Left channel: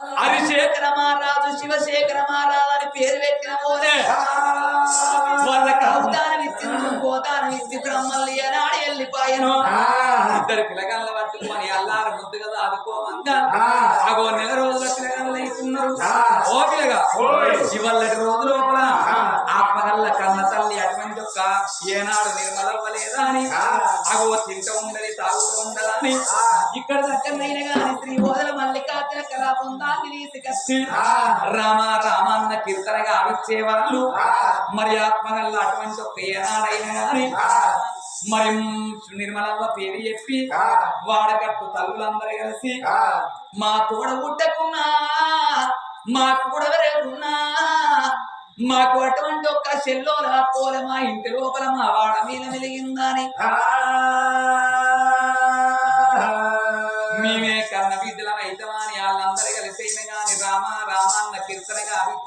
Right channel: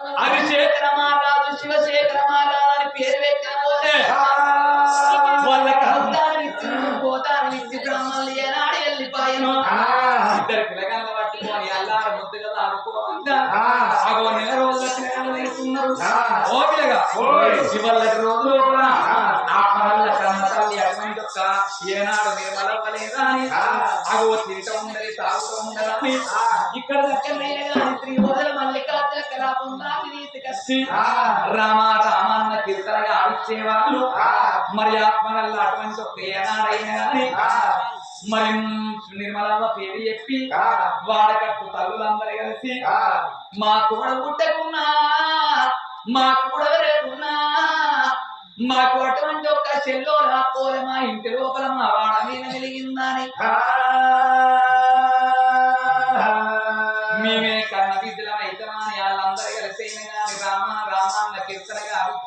అభిషేకర మహారాజు శివశేఖర మహారాజు అని పేరు పెట్టిన పోతే వాళ్ళకి ఏనాడు వెళ్ళిపోయాను. ఇద్దరు పిల్లగాళ్ళ ఆడుకోవంగా అగో నెల రోజుల పిల్లగాళ్ళు అవుతున్నారు ఓ పిల్లగా శివల్లటి రోజులు కూడా కన్న తల్లి అటువంటి యొక్క ఏనాడు నిర్మలవ్వలేదా అని. అగో తింట ఉండదు తాగుతూ ఉండదని ఇక్కడ తీసుకొచ్చి రామ రామాన్న కీర్తనగా ఆడిచ్చేవాళ్ళు మరి ఆత్మగల్ల అటువంటి ఒక ఏనాడైనా గాని మరి నిర్మలమ్మ పేరు చెప్పి వాడకట్టు తల్లులందరూ కలిసి మా తోడ పుట్టకున్నా మా కూడా వెరకున్నా మాకు అటువంటి ఒక్క చెల్లోల పోల మా ఇంటి లోపల మా వాడ మీద వెలిగిందని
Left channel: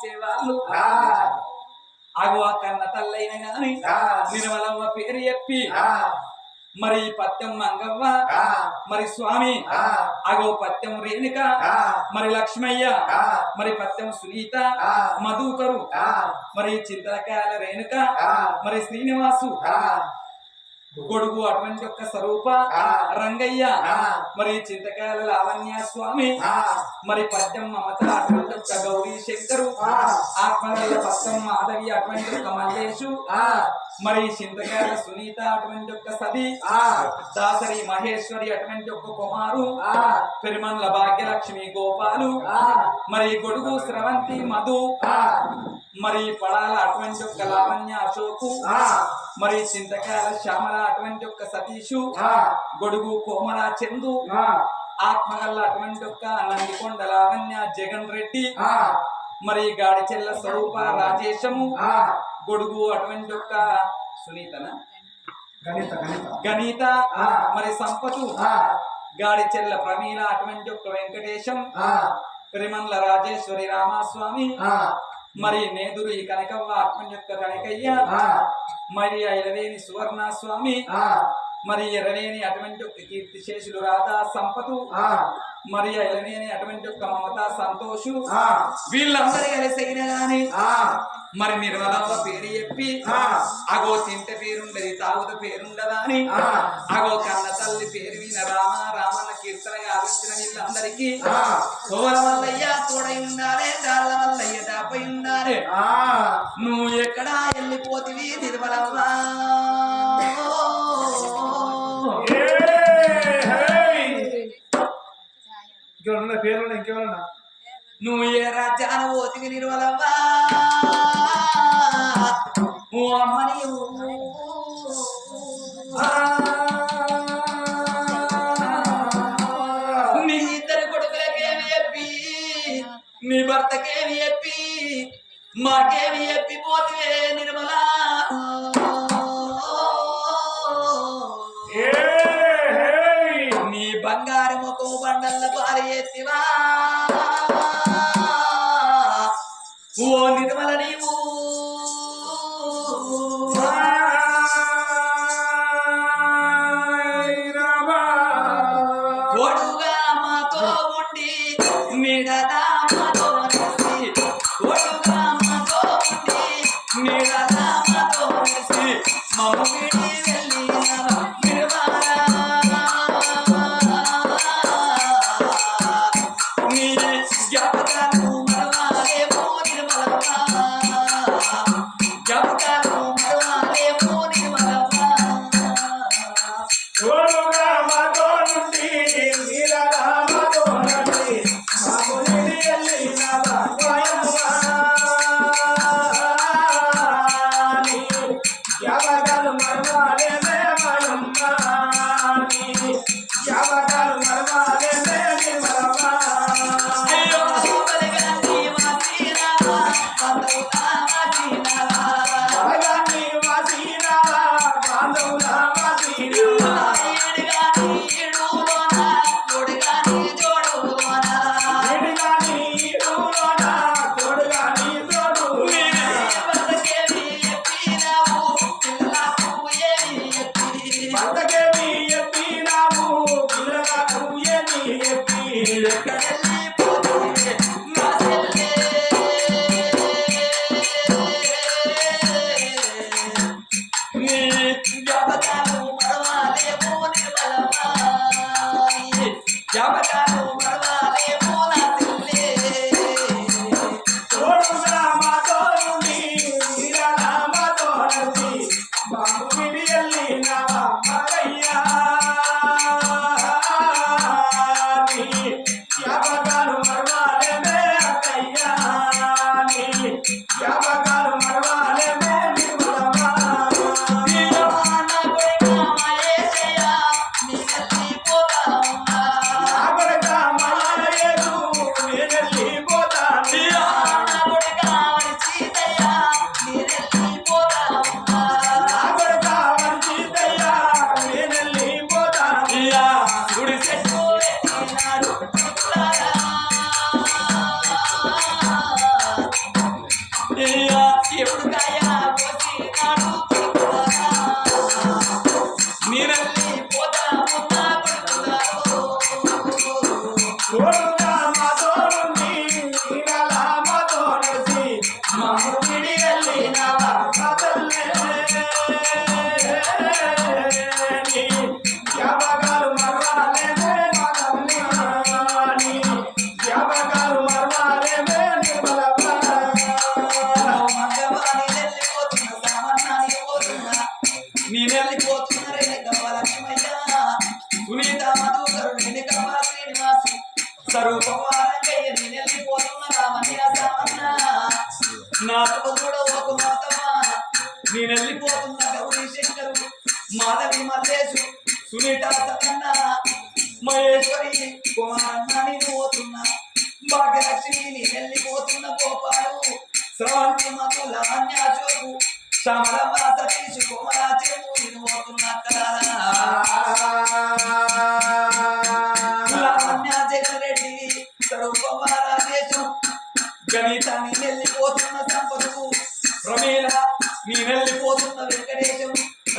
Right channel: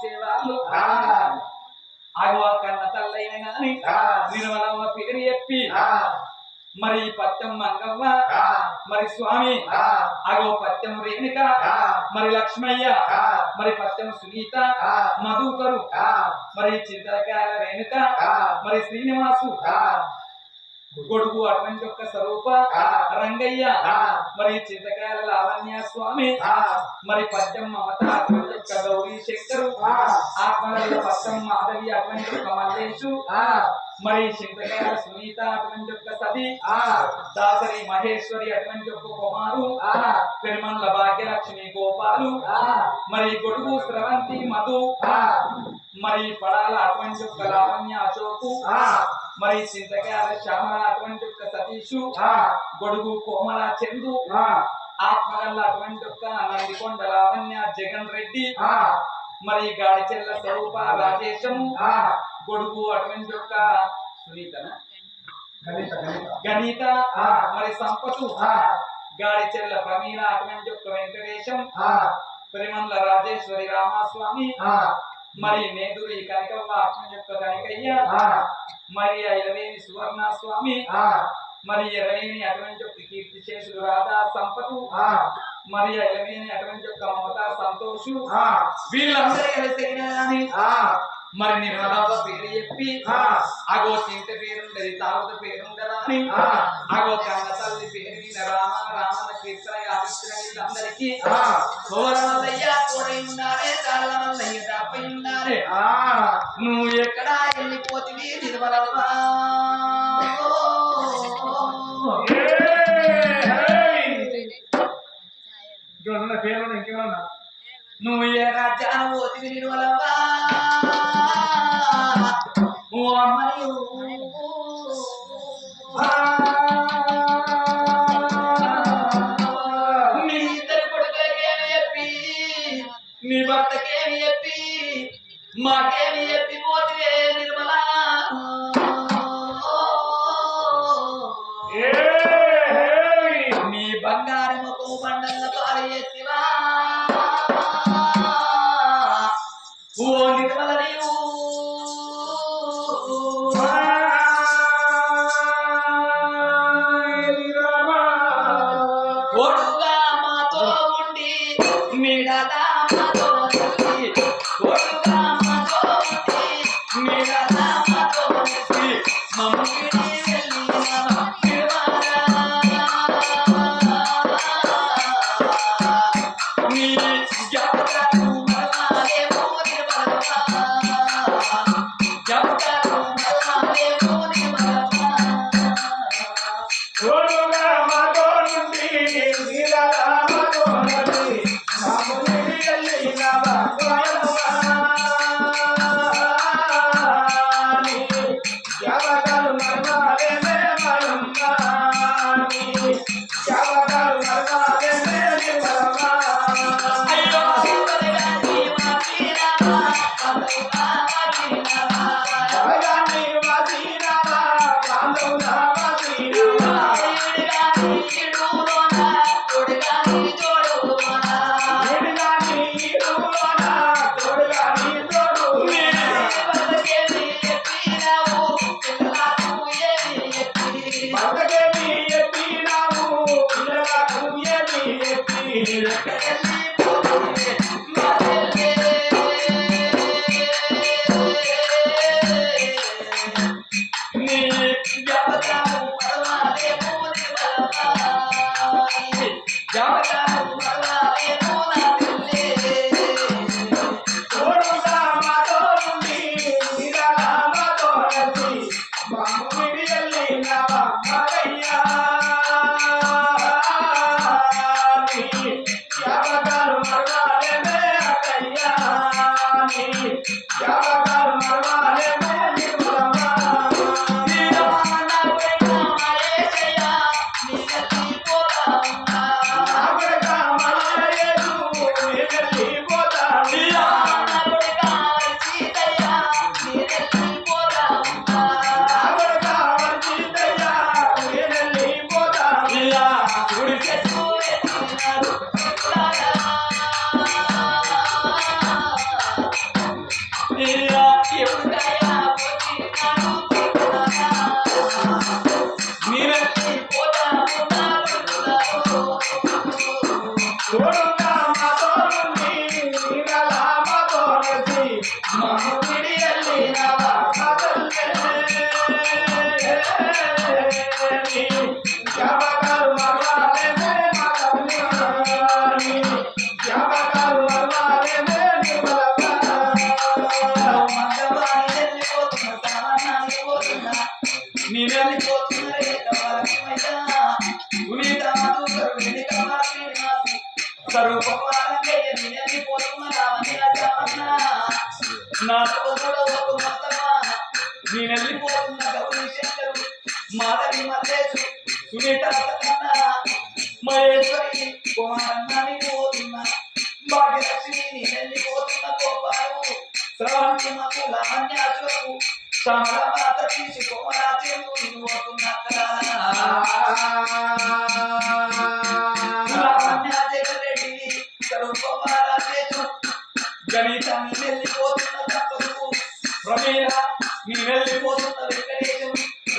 ఆడిచ్చేవాళ్ళు అగో కన్న తల్లైన గాని నిర్మలమ్మ పేరు చెప్పి మరి పత్యం మంగవ్వ మరి స్వామి అగో పత్యం రేణుక మరి లక్ష్మయ్య మరి పత్యం సునీత మధుకరు మరి చింతలకాయల రేణుక మరి శ్రీనివాసు గొడుగు అటువంటి యొక్క స్వరూప రంగయ్య. మరి చింతకాయల లావణ్య స్వామి. మరి పద్యం మమత అటువంటి యొక్క గౌరీ శంకరు. ఆత్మగల పత్తం మాధవి అటువంటి యొక్క మల్లేషు మరి చింతకాయల సునీత అటువంటి యొక్క సది దాసరి మహేశ్వరి అటువంటి యొక్క కుమారు. పెరుమన్ల భాగ్యలక్ష్మి గోపాలు. మరి గొడుగు స్రవంతి మధు. మరి పడాల అటువంటి యొక్క లావణ్య అశోకు. మరి చింతకాయల శ్యామల అటువంటి యొక్క సతీషు గొడుగు కోమల చందు ఆత్మగల్ల అటువంటి యొక్క నందికొండ లావణ్య జగన్ రెడ్డి మరి గాడిచెల్ల స్వరూప రాజేశము గొడుగు అటువంటి యొక్క సునీతన? గణిత మరి సంపతు గాడిచెల్ల ప్రమీల అటువంటి యొక్క వెంకటేశం పెరిమండ్ల రాజేశ్వరి రామస్వామి మరి నేదురు ఈ కనకవ్వ ఆత్మ యొక్క కనకయ్య మరి ఆ ఇలవేని సువర్ణ స్వామి మరి ఎరవేని అటువంటి ఒక కీర్తి శేషులు రాధా సంపతు. మరి ఆ ఇలవేని అటువంటి ఒక మమత సంతోషు. వీళ్ళందరూ కలిసైన గాని. మరి నిర్మలమ్మ పేరు చెప్పి. అగో తింట పేరుండది తాగుత పేరుండదా అని. అగో కన్న తల్లి పేరు విన రామ రామన్న కీర్తన ఆదిత్య వీళ్ళందరికీ. తోడై ఉండాలే. ఉండాలే నువ్వు ఎక్కడా వెళ్ళిపోతివి నిర్మలమ్మ? ఇంకేమన్నా పేర్లు ఇంకేమన్నా? నువ్వు ఏ రాజ్యాన పోతివి నిర్మలమ్మ? ఓ అమ్మని నీ ఇద్దరు కొడుకులకేమి చెప్పి? నీ భర్తకేమి చెప్పి? మాకేమి పోతివే నిర్మల? నీ బంగారు ముఖము బండల్ల పారి ఎత్తివా ఓ నిర్మల! Yeah. నాతో కూడా ఒక మాతమా? నేను వెళ్ళిపోతున్న గౌరీ శంకరు మాధవి మల్లేశు సునీత సన్న మహేశ్వరి కుమారన్నని పోతున్నా? భాగ్యలక్ష్మి నేను వెళ్ళిపోతున్న గోపాలు శ్రవంతి మమ్ముల అన్యాశోకు సమలమాత స్వరూపమ్మ రాజేశం గణితాన్ని వెళ్ళిపోతున్న సంపదు ప్రమేయ. నీ వెళ్ళిపోతున్న వెంకటేశం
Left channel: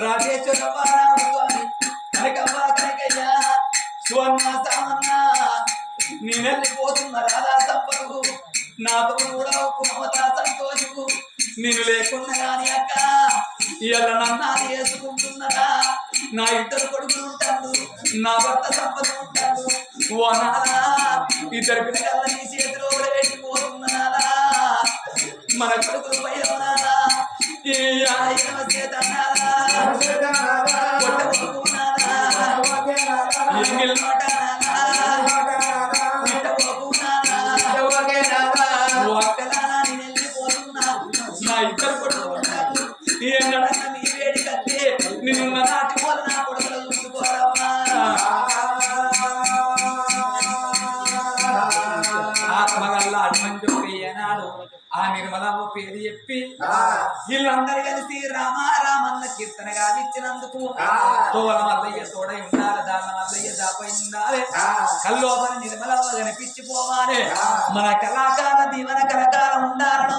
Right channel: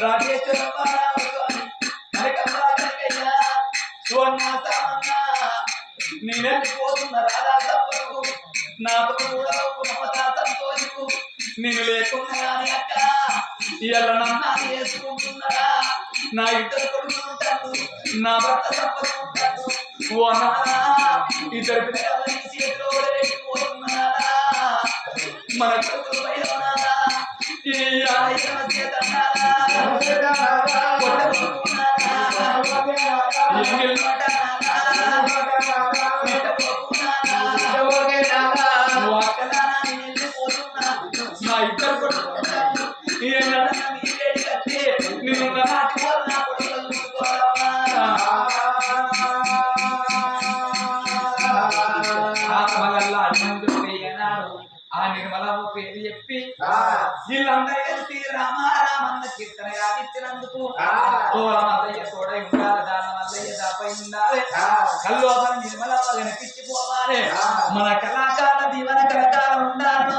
రాజేశ్వరమ్మ రామస్వామి కనకమ్మ కనకయ్య సువర్ణ సామన్న. నీ వెళ్ళిపోతున్న రాధా సంపదు నాతో కూడా ఒక మమత సంతోషకు నేను లేకుండా రాని అక్క ఇవాళ నన్ను వేసుకుంటున్నారా నా ఇద్దరు కొడుకులు ఉంటాడు నా భర్త సంపద ఉంటాడు ఓ నానా ఇద్దరు పిల్లల మన కొడుకులు పైన ఉన్నారా ఈ ఆయన చేత కొట్టబోకున్నారా ఎంగిల్ మాట ఓ అక్కలారా నేను వెళ్ళిపోతున్నా నా ఇద్దరు కొడుకుంటాను వీళ్ళందరూ కలిసి రామ రామన్న కీర్తన గావిచ్చినందుకు తోల మల్లయ్య తోడై ఉండాలి దాళ్ళ మల్లయ్య దాపై ఉండాలి. కల్లోపల నిర్మలమ్మ కనిపించిపోవాలి మన కళాకార దీవన కలకాలం ఉండాలి.